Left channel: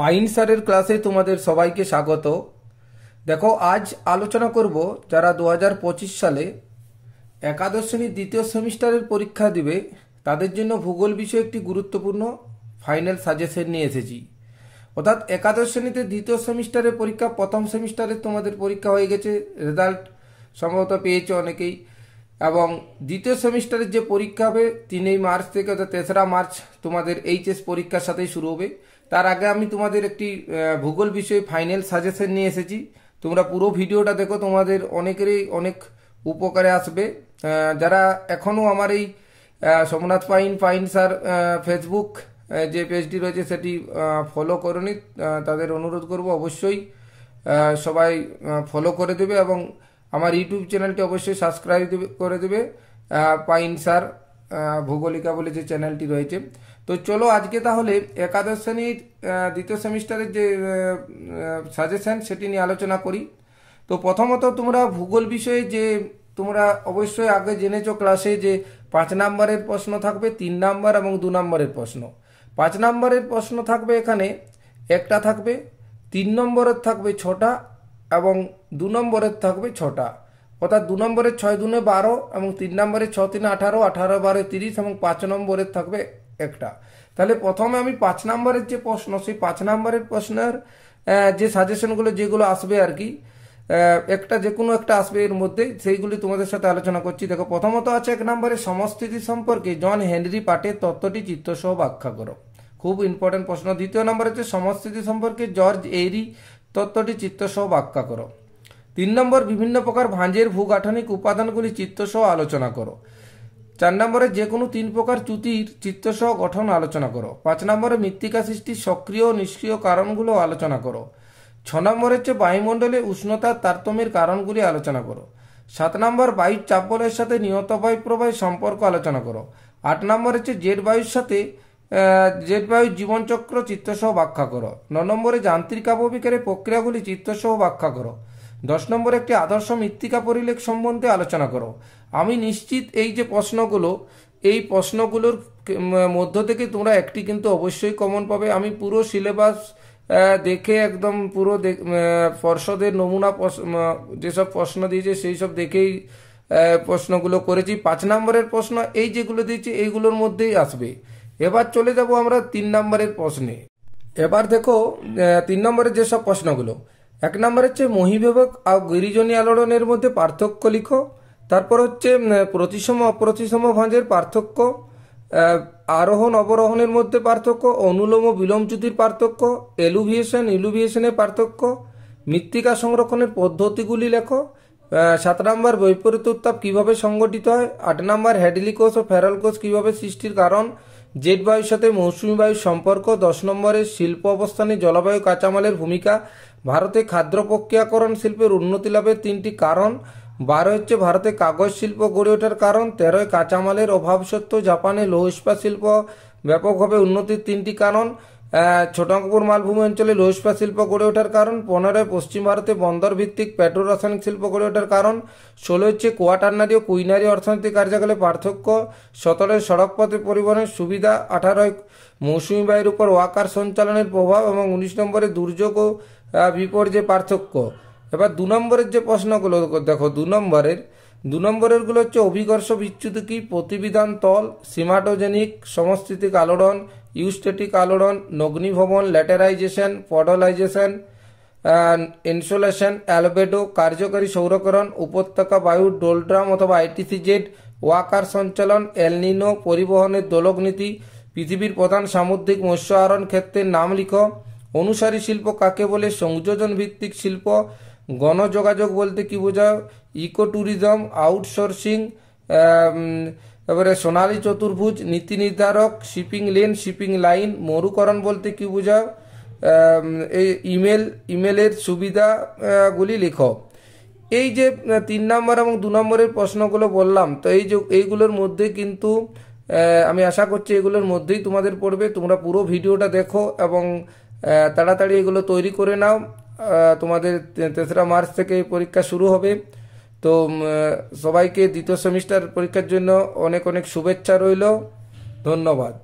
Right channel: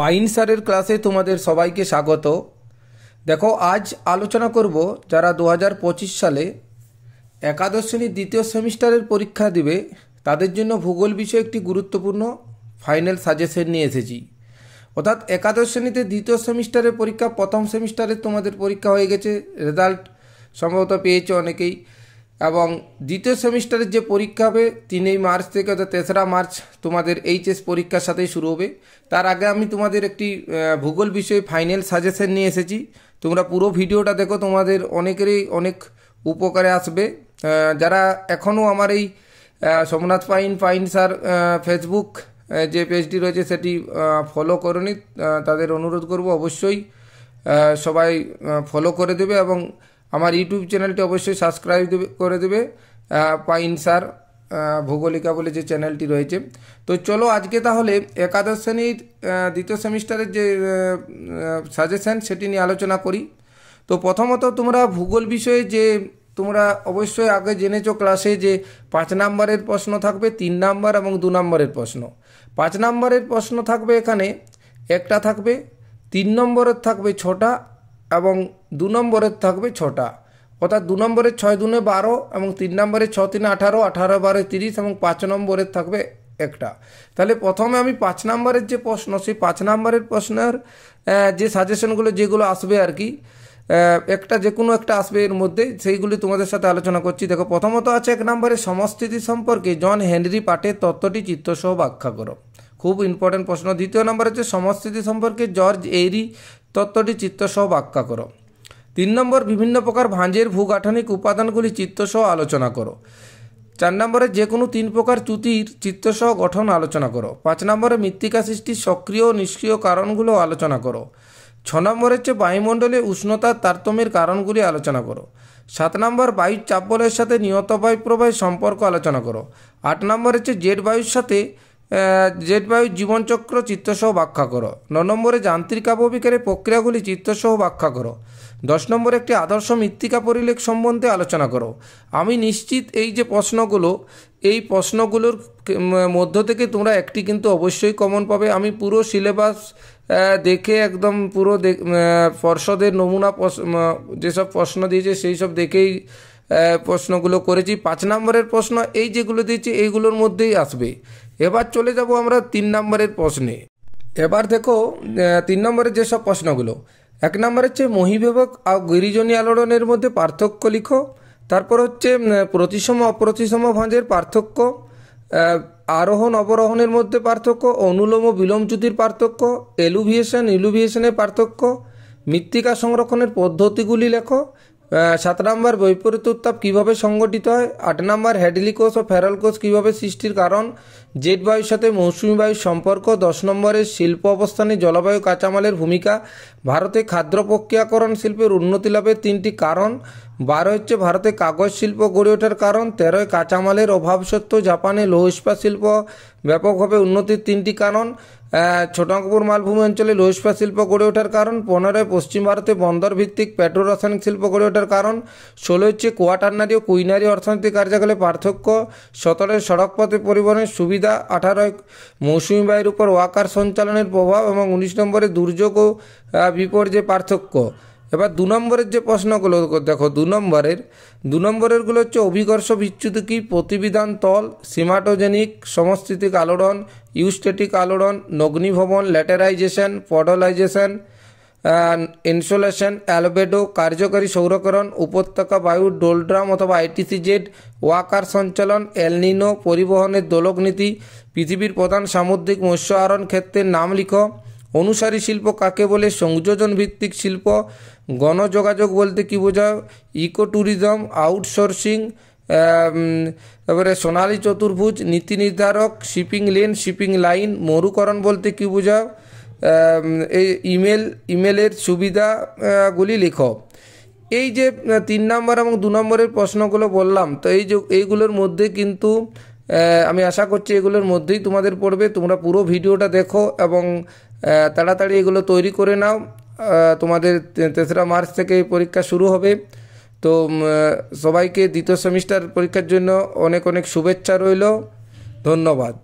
Pine স্যারের ক্লাসে তোমাদের সবাইকে স্বাগত। দেখো, আজ আলোচনা করব যারা 2025 সালে একাদশ শ্রেণীর দ্বিতীয় সেমিস্টারের পরীক্ষা দিবে তাদের জন্য ভূগোল বিষয়ে একটি গুরুত্বপূর্ণ ফাইনাল সাজেশন নিয়ে এসেছি। অর্থাৎ একাদশ শ্রেণীতে দ্বিতীয় সেমিস্টারের পরীক্ষা, প্রথম সেমিস্টারে তোমাদের পরীক্ষা হয়ে গেছে, রেজাল্ট সম্ভবত পেয়েছে অনেকেই, এবং দ্বিতীয় সেমিস্টারের যে পরীক্ষা হবে 3 মার্চ থেকে অর্থাৎ 3রা মার্চ তোমাদের এইচএস পরীক্ষার সাথেই শুরু হবে। তার আগে আমি তোমাদের একটি ভূগোল বিষয়ে ফাইনাল সাজেশন নিয়ে এসেছি। তোমরা পুরো ভিডিওটা দেখো, তোমাদের অনেকেরই অনেক উপকারে আসবে। যারা এখনও আমার এই সোমনাথ পাইন স্যার ফেসবুক যে পেজটি রয়েছে সেটি ফলো করেনি, তাদের অনুরোধ করব অবশ্যই সবাই ফলো করে দেবে এবং আমার ইউটিউব চ্যানেলটি অবশ্যই সাবস্ক্রাইব করে দেবে। পাইন স্যার ভূগোলিকা বলে যে চ্যানেলটি রয়েছে। তো চলো আজকে তাহলে একাদশ শ্রেণীর দ্বিতীয় সেমিস্টারের যে সাজেশন সেটি নিয়ে আলোচনা করি। তো প্রথমত তোমরা ভূগোল বিষয়ে যে তোমরা অবশ্যই আগে জেনেছো ক্লাসে যে 5 নম্বরের প্রশ্ন থাকবে, 3 নম্বর এবং 2 নম্বরের প্রশ্ন। 5 নম্বরের প্রশ্ন থাকবে এখানে একটা থাকবে, 3 নম্বরের থাকবে 6টা এবং 2 নম্বরের থাকবে 6টা। অর্থাৎ 2 নম্বরের 6 দুনে 12 এবং 3 নম্বরের 6 3 18, 18 12 30 এবং 5 নম্বরের থাকবে একটা। তাহলে প্রথমে আমি 5 নম্বরের যে প্রশ্ন, সেই 5 নম্বরের প্রশ্নের যে সাজেশনগুলো যেগুলো আসবে আর কি, একটা যে কোনো একটা আসবে এর মধ্যে, সেইগুলি তোমাদের সাথে আলোচনা করছি। দেখো, প্রথমত আছে 1 নম্বরে সমস্থিতি সম্পর্কে জন হেনরি পাটের তত্ত্বটি চিত্রসহ ব্যাখ্যা করো। খুব ইম্পর্টেন্ট প্রশ্ন। 2 নম্বরে হচ্ছে সমস্থিতি সম্পর্কে জর্জ এইরি তত্ত্বটি চিত্রসহ ব্যাখ্যা করো। 3 নম্বর বিভিন্ন প্রকার ভাঁজের ভূগাঠনিক উপাদানগুলি চিত্রসহ আলোচনা করো। 4 নম্বরে যে কোনো 3 প্রকার চ্যুতির চিত্রসহ গঠন আলোচনা করো। 5 নম্বরে মৃত্তিকা সৃষ্টির সক্রিয় ও নিষ্ক্রিয় কারণগুলো আলোচনা করো। 6 নম্বর হচ্ছে বায়ুমণ্ডলে উষ্ণতার তারতম্যের কারণগুলি আলোচনা করো। 7 নম্বর বায়ুর চাপ বলয়ের সাথে নিয়ত বায়ু প্রবাহের সম্পর্ক আলোচনা করো। 8 নম্বর হচ্ছে জেট বায়ুর সাথে জেট বায়ুর জীবনচক্র চিত্রসহ ব্যাখ্যা করো। 9 নম্বরে যান্ত্রিক আবহবিকারের প্রক্রিয়াগুলি চিত্রসহ ব্যাখ্যা করো। 10 নম্বরে একটি আদর্শ মৃত্তিকা পরিলেখ সম্বন্ধে আলোচনা করো। আমি নিশ্চিত এই যে প্রশ্নগুলো, এই প্রশ্নগুলোর মধ্য থেকে তোমরা একটি কিন্তু অবশ্যই কমন পাবে। আমি পুরো সিলেবাস দেখে একদম পুরো পর্ষদের নমুনা যেসব প্রশ্ন দিয়েছে সেই সব দেখেই প্রশ্নগুলো করেছি। 5 নম্বরের প্রশ্ন এই যেগুলো দিয়েছি এইগুলোর মধ্যেই আসবে। এবার চলে যাব আমরা 3 নম্বরের প্রশ্নে। এবার দেখো 3 নম্বরের যেসব প্রশ্নগুলো, 1 নম্বর হচ্ছে মহীবিভাগ আর গিরিজনী আলোড়নের মধ্যে পার্থক্য লিখো। তারপর হচ্ছে প্রতিসম অপ্রতিসম ভাঁজের পার্থক্য, আরোহণ অবরোহণের মধ্যে পার্থক্য, অনুলোম ও বিলোম চ্যুতির পার্থক্য, ইলুভিয়েশনের পার্থক্য, মৃত্তিকা সংরক্ষণের পদ্ধতিগুলি লেখো। 7 নম্বর বৈপরীত্য উত্তাপ কীভাবে সংগঠিত হয়। 8 নম্বর হ্যাডলি কোষ ও ফেরাল কোষ কীভাবে সৃষ্টির কারণ, জেট বায়ুর সাথে মৌসুমী বায়ুর সম্পর্ক। 10 নম্বরের শিল্প অবস্থানে জলবায়ু কাঁচামালের ভূমিকা, ভারতে খাদ্য প্রক্রিয়াকরণ শিল্পের উন্নতি লাভের 3টি কারণ। 12 হচ্ছে ভারতে কাগজ শিল্প গড়ে ওঠার কারণ। 13 কাঁচামালের অভাব সত্ত্বেও জাপানে লৌহ ইস্পাত শিল্প ব্যাপকভাবে উন্নতির 3টি কারণ। ছোটনাগপুর মালভূমি অঞ্চলে লৌহ ইস্পাত শিল্প গড়ে ওঠার কারণ। 15 পশ্চিম ভারতে বন্দর ভিত্তিক পেট্রো রাসায়নিক শিল্প গড়ে ওঠার কারণ। 16 হচ্ছে কোয়াটারনারি ও কুইনারি অর্থনৈতিক কার্যকলাপের পার্থক্য। 17 সড়কপথে পরিবহনের সুবিধা। 18 মৌসুমী বায়ুর উপর ওয়াকার সঞ্চালনের প্রভাব এবং 19 নম্বরে দুর্যোগ ও বিপর্যয়ের পার্থক্য। এবার 2 নম্বরের যে প্রশ্নগুলো দেখো, 2 নম্বরের গুলো হচ্ছে অভিকর্ষ বিচ্যুতি কি, প্রতিবিধান তল, সিমাটোজেনিক সমস্থিতিক আলোড়ন, ইউস্টেটিক আলোড়ন, নগ্নিভবন, ল্যাটেরাইজেশন, পডলাইজেশন, ইনসোলেশন, অ্যালবেডো, কার্যকারী সৌরকরণ, উপত্যকা বায়ুর ডোলড্রাম অথবা আইটিসিজেড, ওয়াকার সঞ্চালন, এলনিনো, পরিবহনের দোলক নীতি, পৃথিবীর প্রধান সামুদ্রিক মৎস্য আহরণ ক্ষেত্রের নাম লিখো। অনুসারী শিল্প কাকে বলে, সংযোজন ভিত্তিক শিল্প। গণযোগাযোগ বলতে কি বোঝায়, ইকো ট্যুরিজম, আউটসোর্সিং। তারপরে সোনালী চতুর্ভুজ, নীতি নির্ধারক, শিপিং লেন, শিপিং লাইন। মরুকরণ বলতে কি বোঝায়, এই ইমেলের সুবিধাগুলি লিখো। এই যে 3 নম্বর এবং 2 নম্বরের প্রশ্নগুলো বললাম, তো এইগুলোর মধ্যে কিন্তু আমি আশা করছি এগুলোর মধ্যেই তোমাদের পড়বে। তোমরা পুরো ভিডিওটা দেখো এবং তাড়াতাড়ি এগুলো তৈরি করে নাও। তোমাদের 3রা মার্চ থেকে পরীক্ষা শুরু হবে। তো সবাইকে দ্বিতীয় সেমিস্টার পরীক্ষার জন্য অনেক অনেক শুভেচ্ছা রইল। ধন্যবাদ।